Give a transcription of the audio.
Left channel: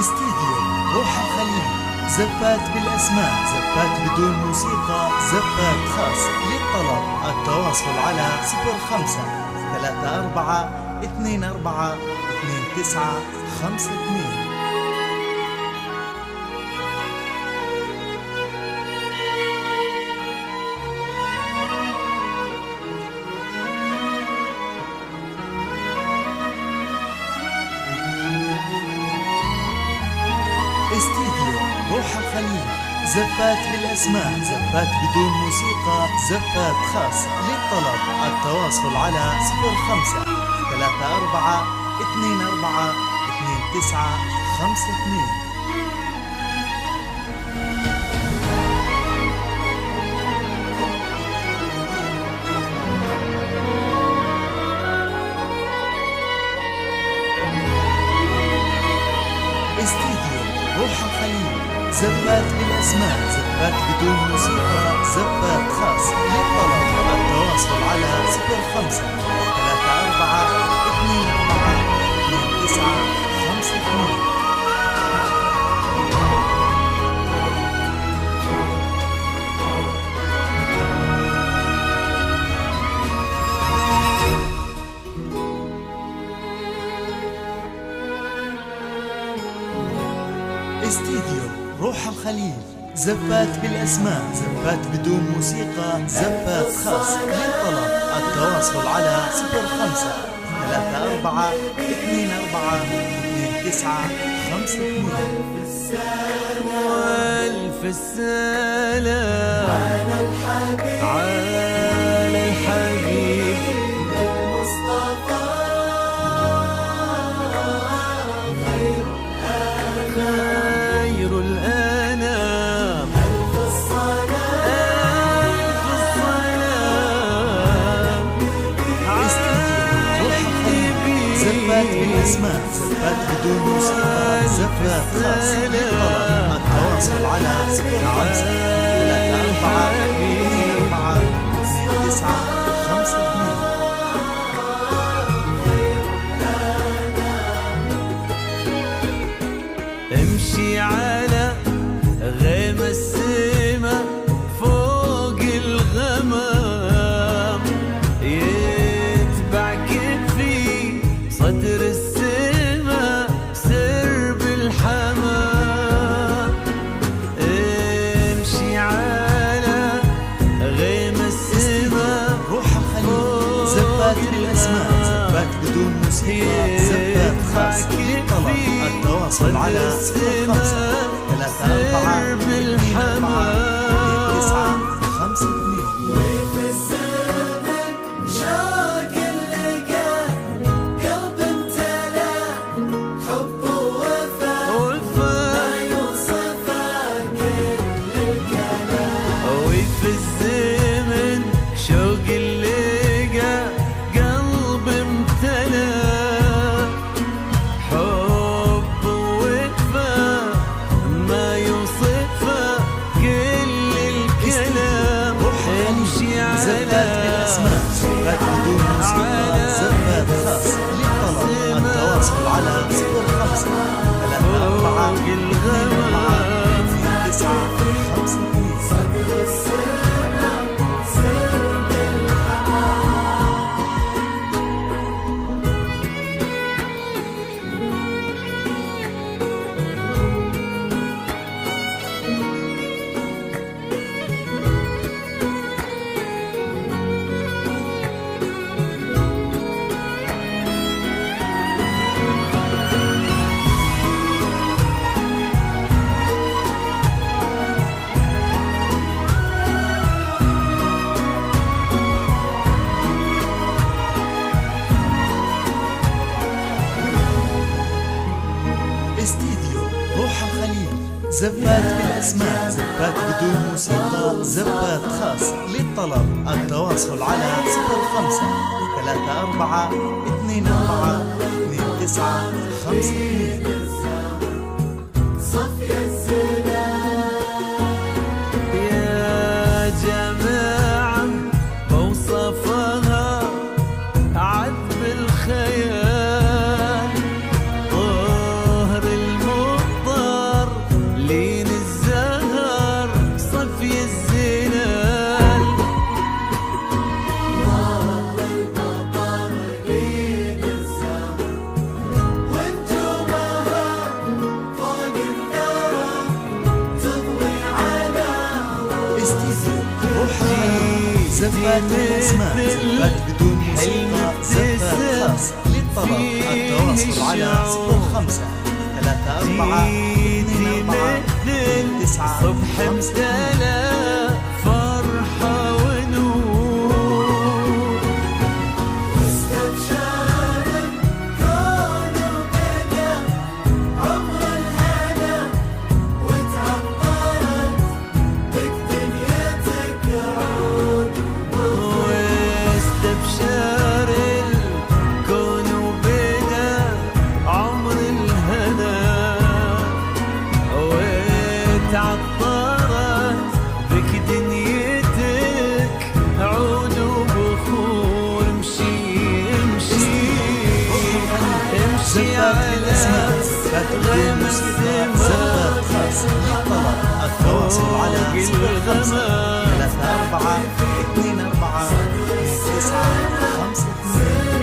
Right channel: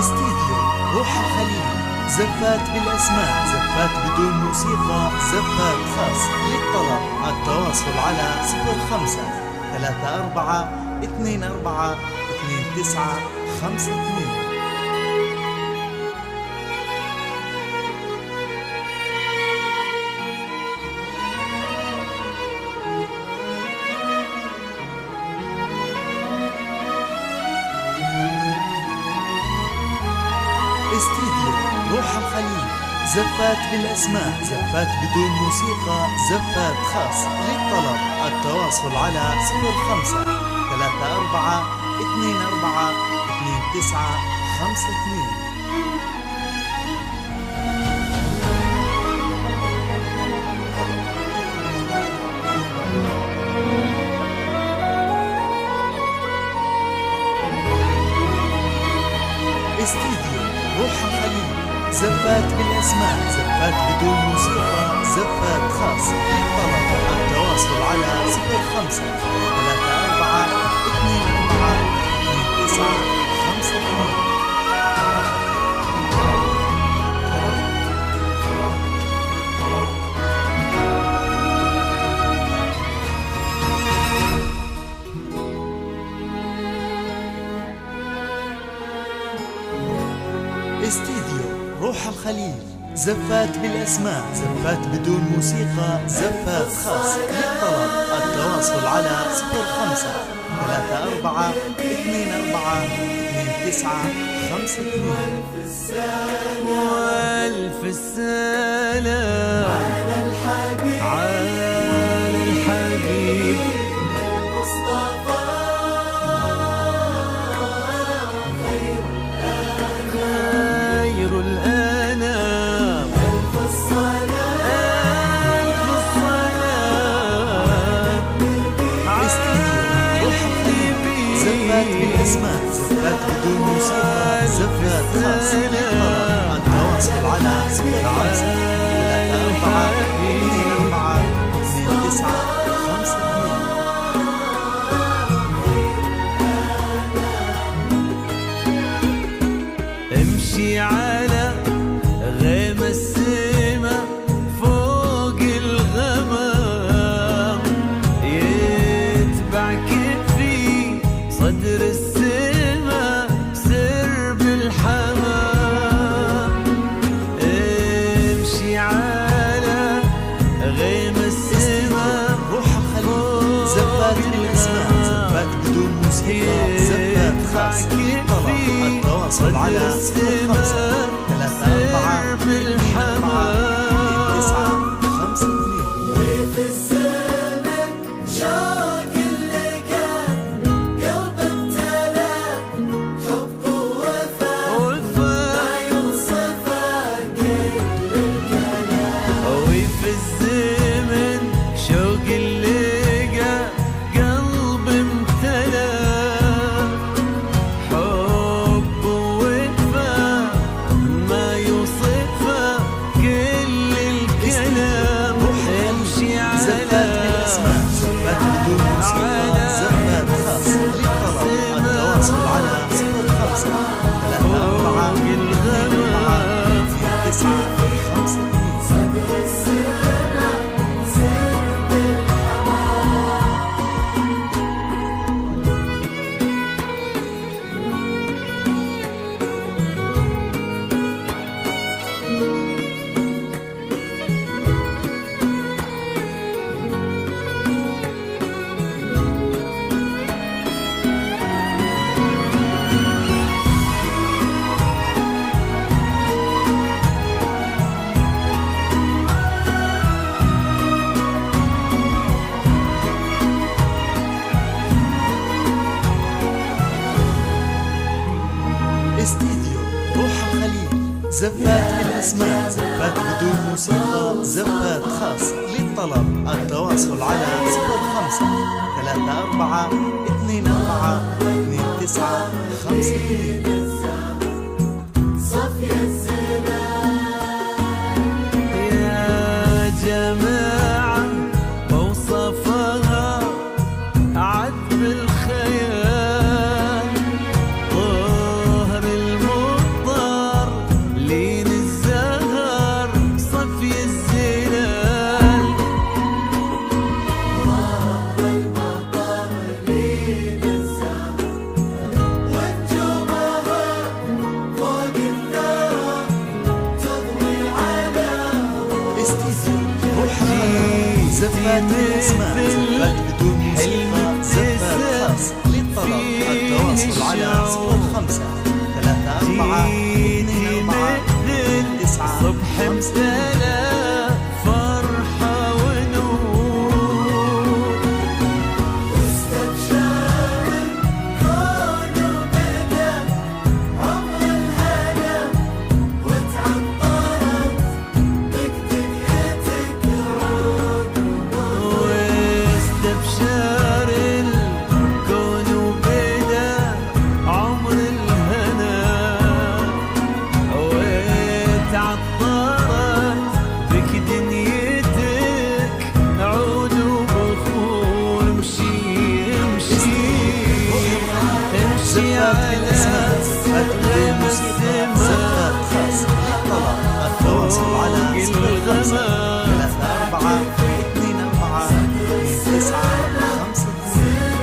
استديو روح الخليل، زفات بالأسماء، زفات بدون موسيقى، زفات خاص. للطلب التواصل على 05-34-24-2952. استديو روح الخليل، زفات بالأسماء، زفات بدون موسيقى، زفات خاص. للطلب التواصل على 05-34-24-2952. استديو روح الخليل، زفات بالأسماء، زفات بدون موسيقى، زفات خاص. للطلب التواصل على 05-34-24-2952. استديو روح الخليل، زفات بالأسماء، زفات بدون موسيقى، زفات خاص. للطلب التواصل على 05-34-24-2952. والف السلام على الحبيب خير الأنام، ألف الصلاة. استديو روح الخليل، زفات بالأسماء، زفات بدون موسيقى، زفات خاص. للطلب التواصل على 05-34-24-2952. امشي على غيم السما فوق الغمام، يتبعك في صدر السما سرب الحمام. امشي على غيم السما روح الخليل، زفات بالأسماء، زفات بدون موسيقى، زفات خاص. للطلب التواصل على 05-34-24-2952. وفي الزمن شوق اللقى قلب امتلى، حب ووفا ما يوصفه كل الكلام. امشي على زفات بالأسماء، زفات بدون موسيقى، زفات خاص. للطلب التواصل على 05-34-24-2952. استديو روح الخليل، زفات بالأسماء، زفات بدون موسيقى، زفات خاص. للطلب التواصل على 05-34-24-2952. يا جماعة بوصفها عذب الخيال، طهر الموت الزلال. استديو روح الخليج، زفات بالأسماء، زفات بدون موسيقى، زفات خاص. للطلب التواصل على 05 34 24 9 صبح امتلا فرحة ونور. واستبشر الكون وبدا عمر الهنا، وتعطرت بك دنيتك عود وبخور. امشي امشي امشي على زفات بدون موسيقى، زفات خاص. للطلب التواصل على 05 34 24 29 52.